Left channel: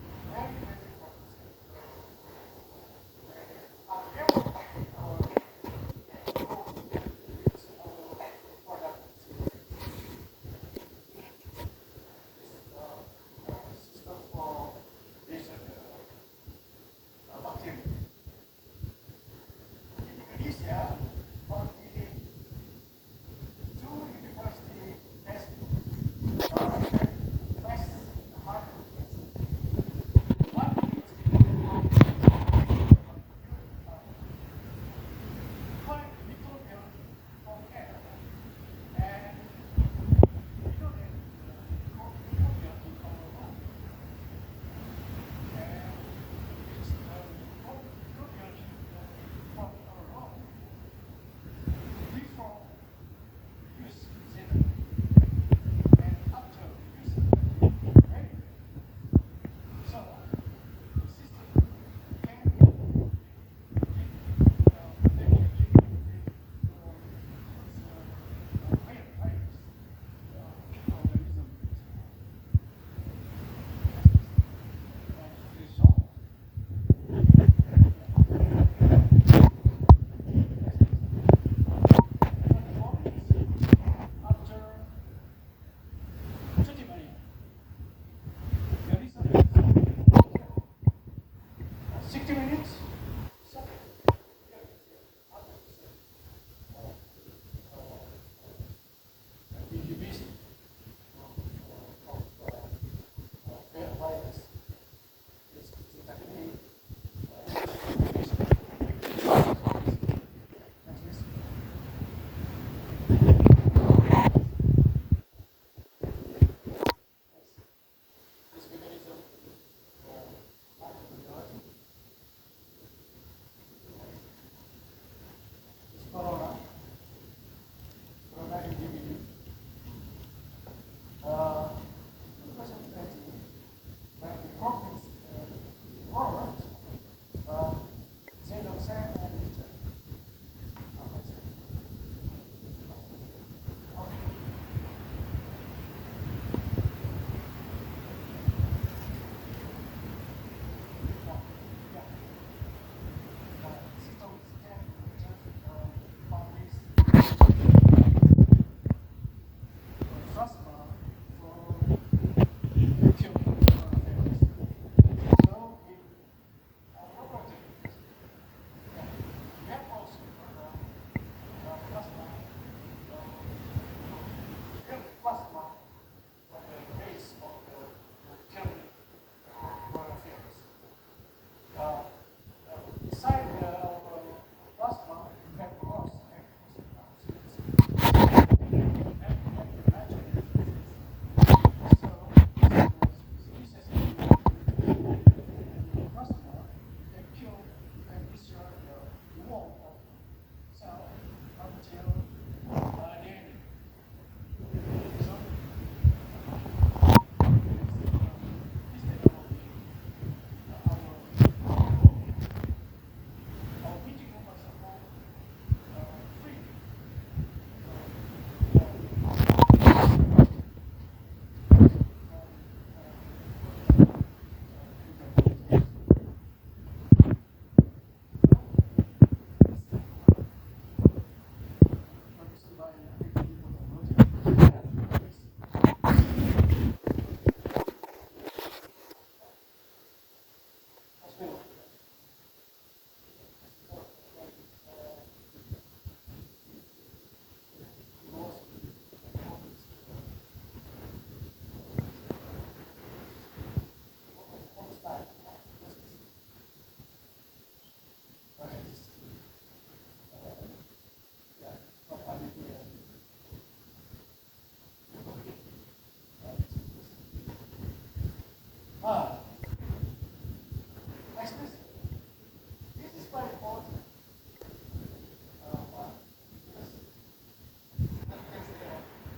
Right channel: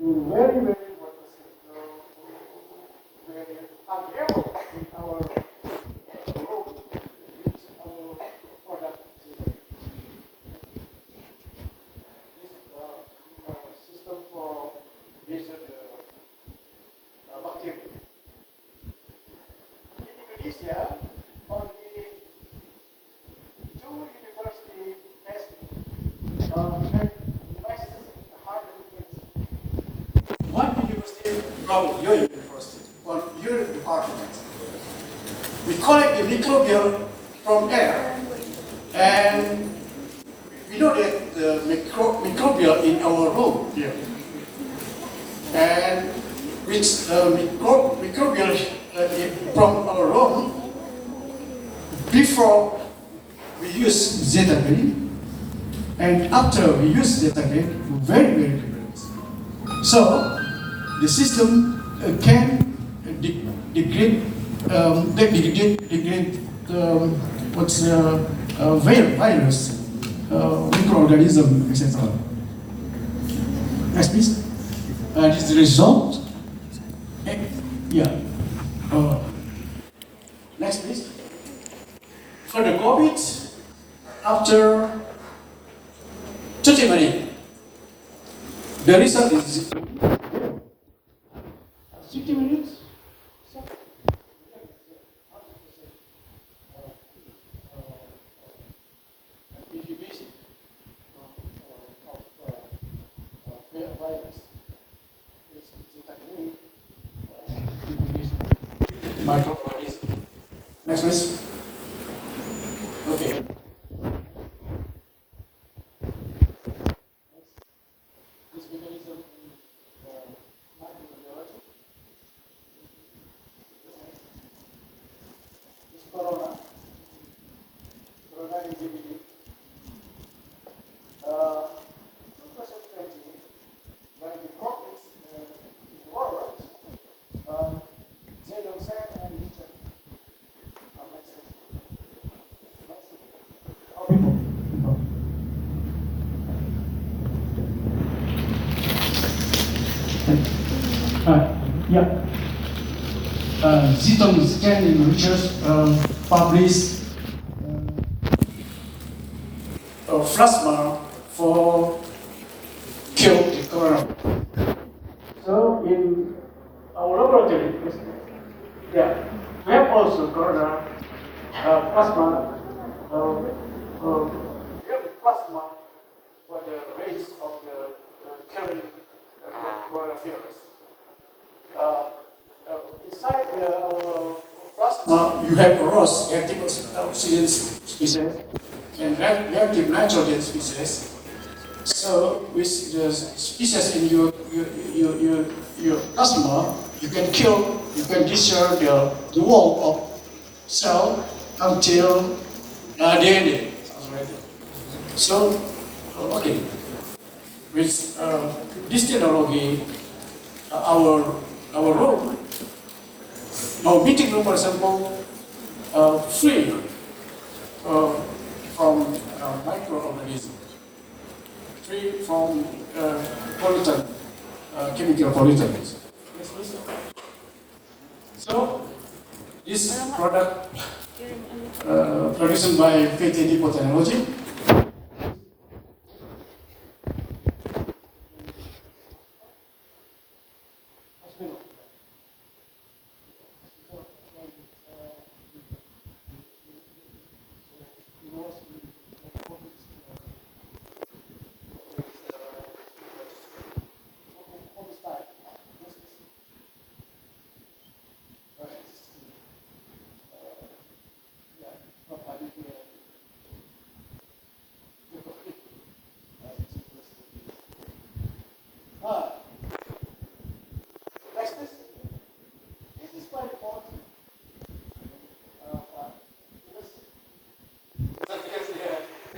very, very important. We are able in our product system for this bacteria. In Indonesia, only two university one university from your university, from your department. We collect the microbial from air, and we know that the microbial in our room here, and which microbial from our room before we use zeta green, and after we use zeta green, very, very different. So the system can degrade what's virus, microorganism, etc. Next, please. This is the result. Yeah. Next, please. For the COVID, after 30 minutes, the result is 60 minutes. Next, please. Okay. Corona endemic. 2020, when the COVID world, Zedong and Richard. Yeah. Zedong Scan in Richard published plasma for kill the corona. So in our laboratory, yeah, we have also corona plasma. We have plasma for the rates of the killing coronavirus. Beside our plasma, you have ROS, active oxygen species, and reactive nitrogen species. So with the species in your plasma, you can discharge the wall of cell until DNA. So, okay, with this technology, our room, our meeting room, for example, free from microorganisms, free from pollutant, chemical pollutants. So, this product produced by PT Depot Technology. This is quite important.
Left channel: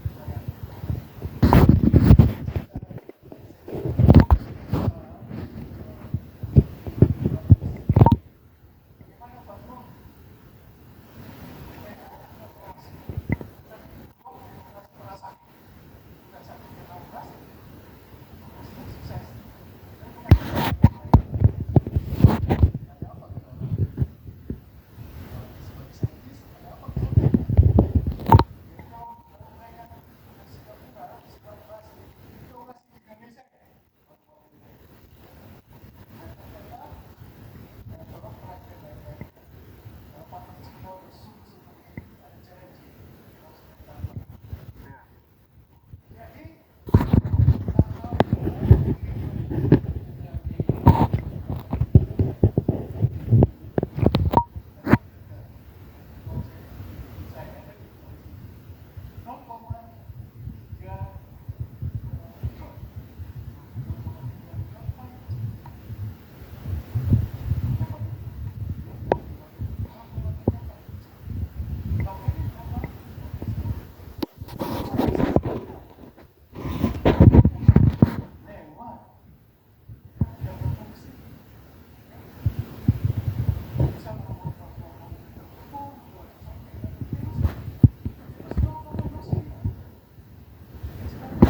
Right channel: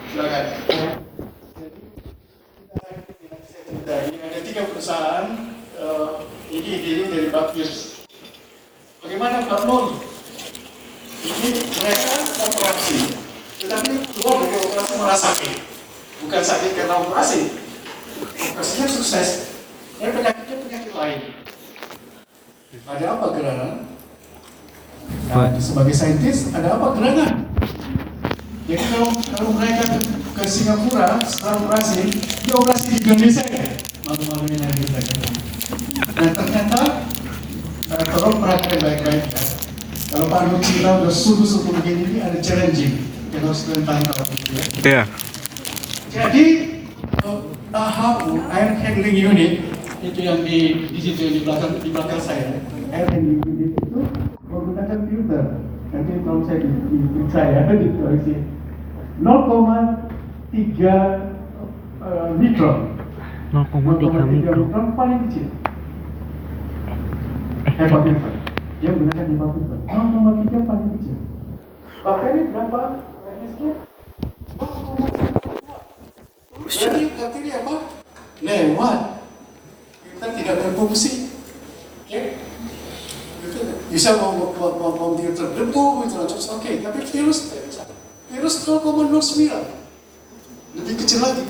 Silakan. Ada 3 perusahaan ini diri dari Baptis. Bagaimana Pak Nur? Ini mereka operasi, tetapi keluar dari operasi malah sakit. Bukan sakit karena operasi. Operasinya sukses, Saya penyakit lain. Ada apa gerangan? Nah, sebagai saintis, ada apa gerangan? Jadi kalau mereka ke Singapura, setelah operasi, dia operasi di Indonesia ya, malu-malu ini yang kita ketemu. Dan ternyata, tolong perhatikan baik-baik ya. Kalau Pak Lutfi bilang udah subuh-subuh begini, ini ada challenging. Yang harus kalian tahu ya. Iya. Jadi, HAU, Air Handling Unit, itu yang di situ di belakang saya. Air Handling Unit itu menggunakan filter. Nanti kalau saya diperiksa ya, dikoreksi. 0,3 mikron. 0,3 mikron. Paling kecil. Hebat filter. Dia menggunakan 5 filter. 0,3 paling kecil. Bahkan ini berapa? Jadi ini apa? Lewat. Kita tidak berfungsi. Oke? Bisa mau terdebu gitu, oke. Tapi virus tidak bisa. Virus 0,09, lebih kecil lagi.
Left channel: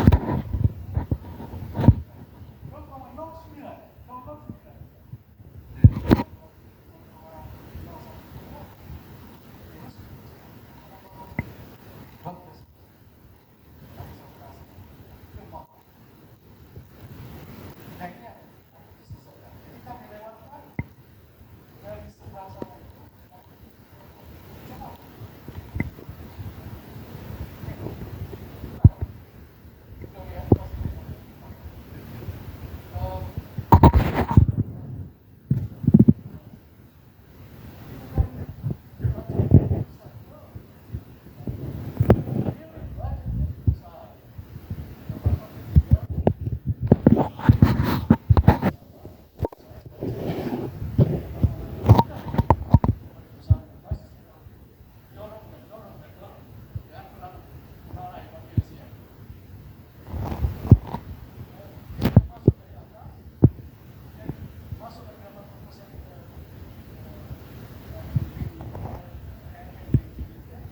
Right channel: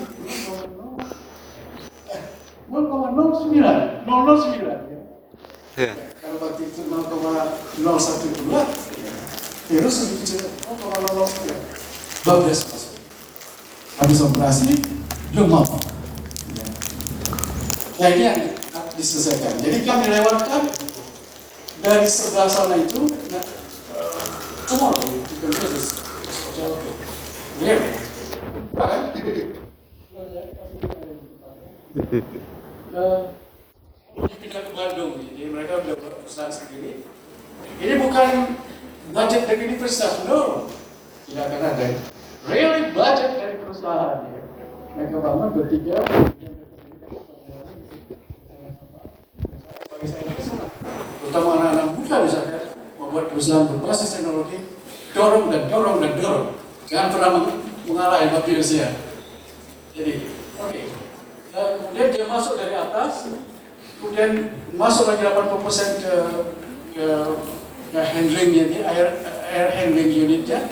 0,09, 009. Iya. Kalau waktu itu 0,012, virus lebih kecil, 0,009. Bablas masuk. Habis operasi, demam. Nah ini yang diselesaikan. Jadi kami lewatkan dari sebelah sana itu, cuma kita ke Bandung, jadi mereka sudah berusaha sendiri. Ini bukan budget dari universitas, no. Tidak akan ada. Really budget dari perusahaan. Mereka bangun bertiga. Terutama anak-anak muda misalnya membuat perusahaan berbasis teknologi, dorong. Jangan pernah mengalah yang virusnya. Jadi, oke. Kemudian dia masuk dari atas, kemudian masuk lagi 80% ke handlingnya, di air handling unitnya.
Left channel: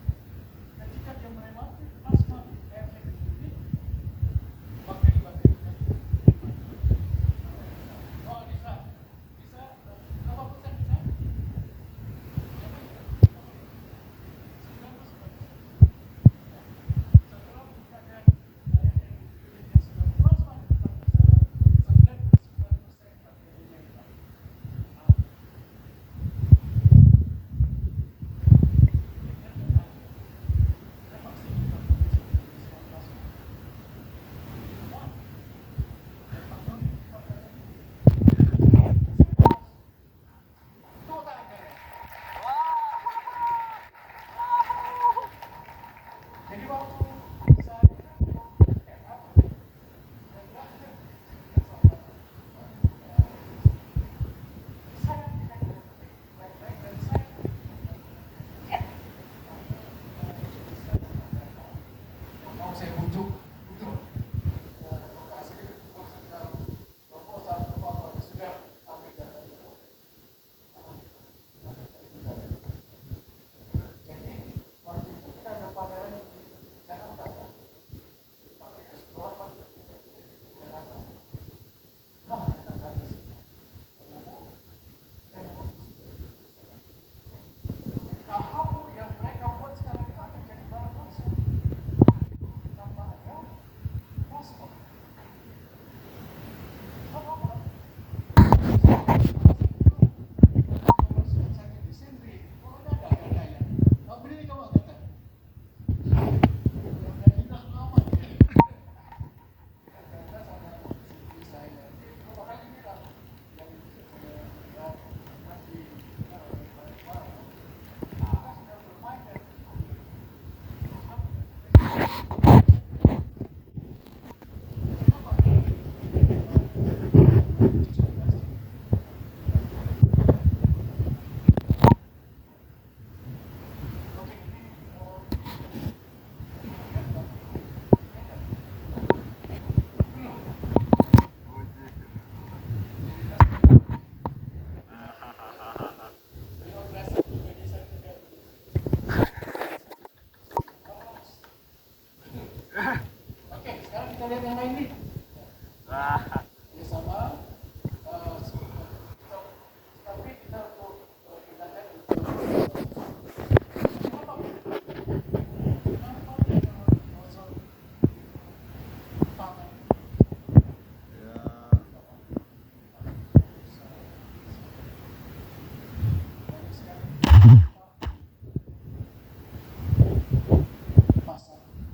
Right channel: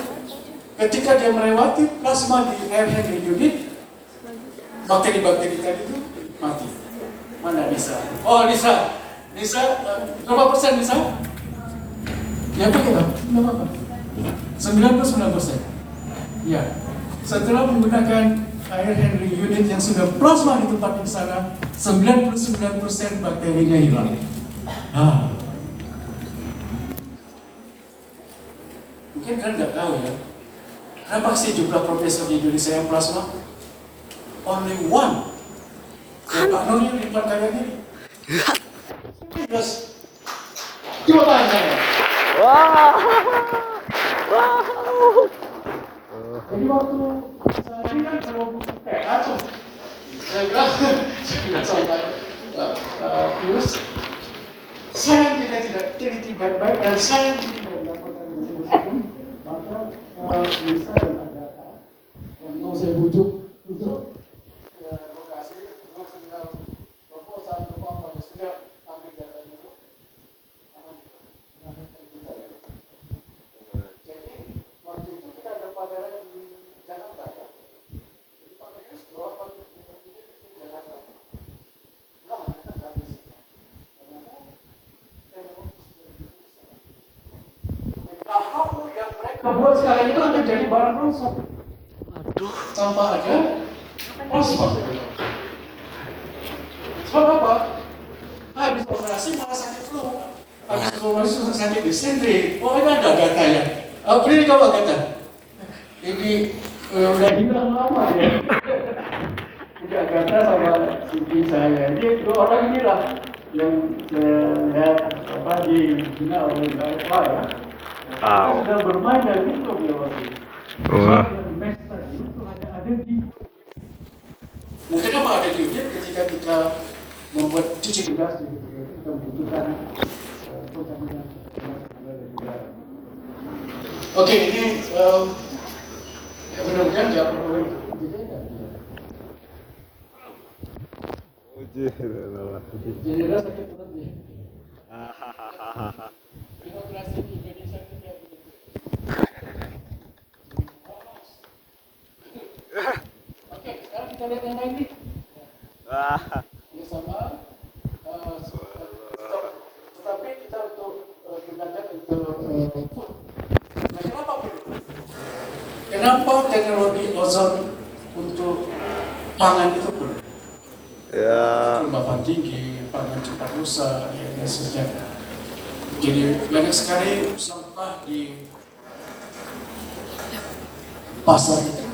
Ketika dia melewati plasma di air handling unit, bakteri-bakteri tadi itu mati. Mana Nisa? Oh Nisa, berapa persen Nisa? Ya betul, 99%. Ya, setelah menggunakan air handling unit yang sudah plasma di tempat di sana, 99% bakterinya hilang. Mungkin kalian nggak tahu ya, berapa sih jumlah profesor di Indonesia yang plasma? Only one. Pak Nur yang di depan kalian ini. Terus, coba tanya saya. Wow. Jadi waktu saya ini kan kacau. Saya bilang, saya tidak sampai virus. Saya tidak teliti baik-baik dan saya tidak melakukan ini. Maka bisa ada mau saya bujuk lokasi terus tinggal proposal sudah ambil datanya. Jadi waktu itu kita ada pameran di Jakarta. Yang mereka buat sekarang itu akan jadi barang rusak. Sampah aja, plasma. Sebab apa? Habis operasi malah sakit flu. Habis operasi sakit disentri. Pokoknya ada gatanya. Ini coba kata. Ini udah hilang lama ya. Udah kata sama istri saya. Ini dua orang inilah yang lihat di final ya. Sudah bermain dari itu dia waktu. Mungkin apa ada di unit ketika kita membuat cuci gas di pembentukan. Oke, ini mudah-mudahan jawab perlu. Oke, sekarang kita lihat yang lain nih. Ini sama Kenapa teknologi ozon untuk pangan itu perlu? Ya. Kelembapan tinggi, pangan cepat rusak, dan sebagainya. Jadi banyak sekali sampah di pasar kita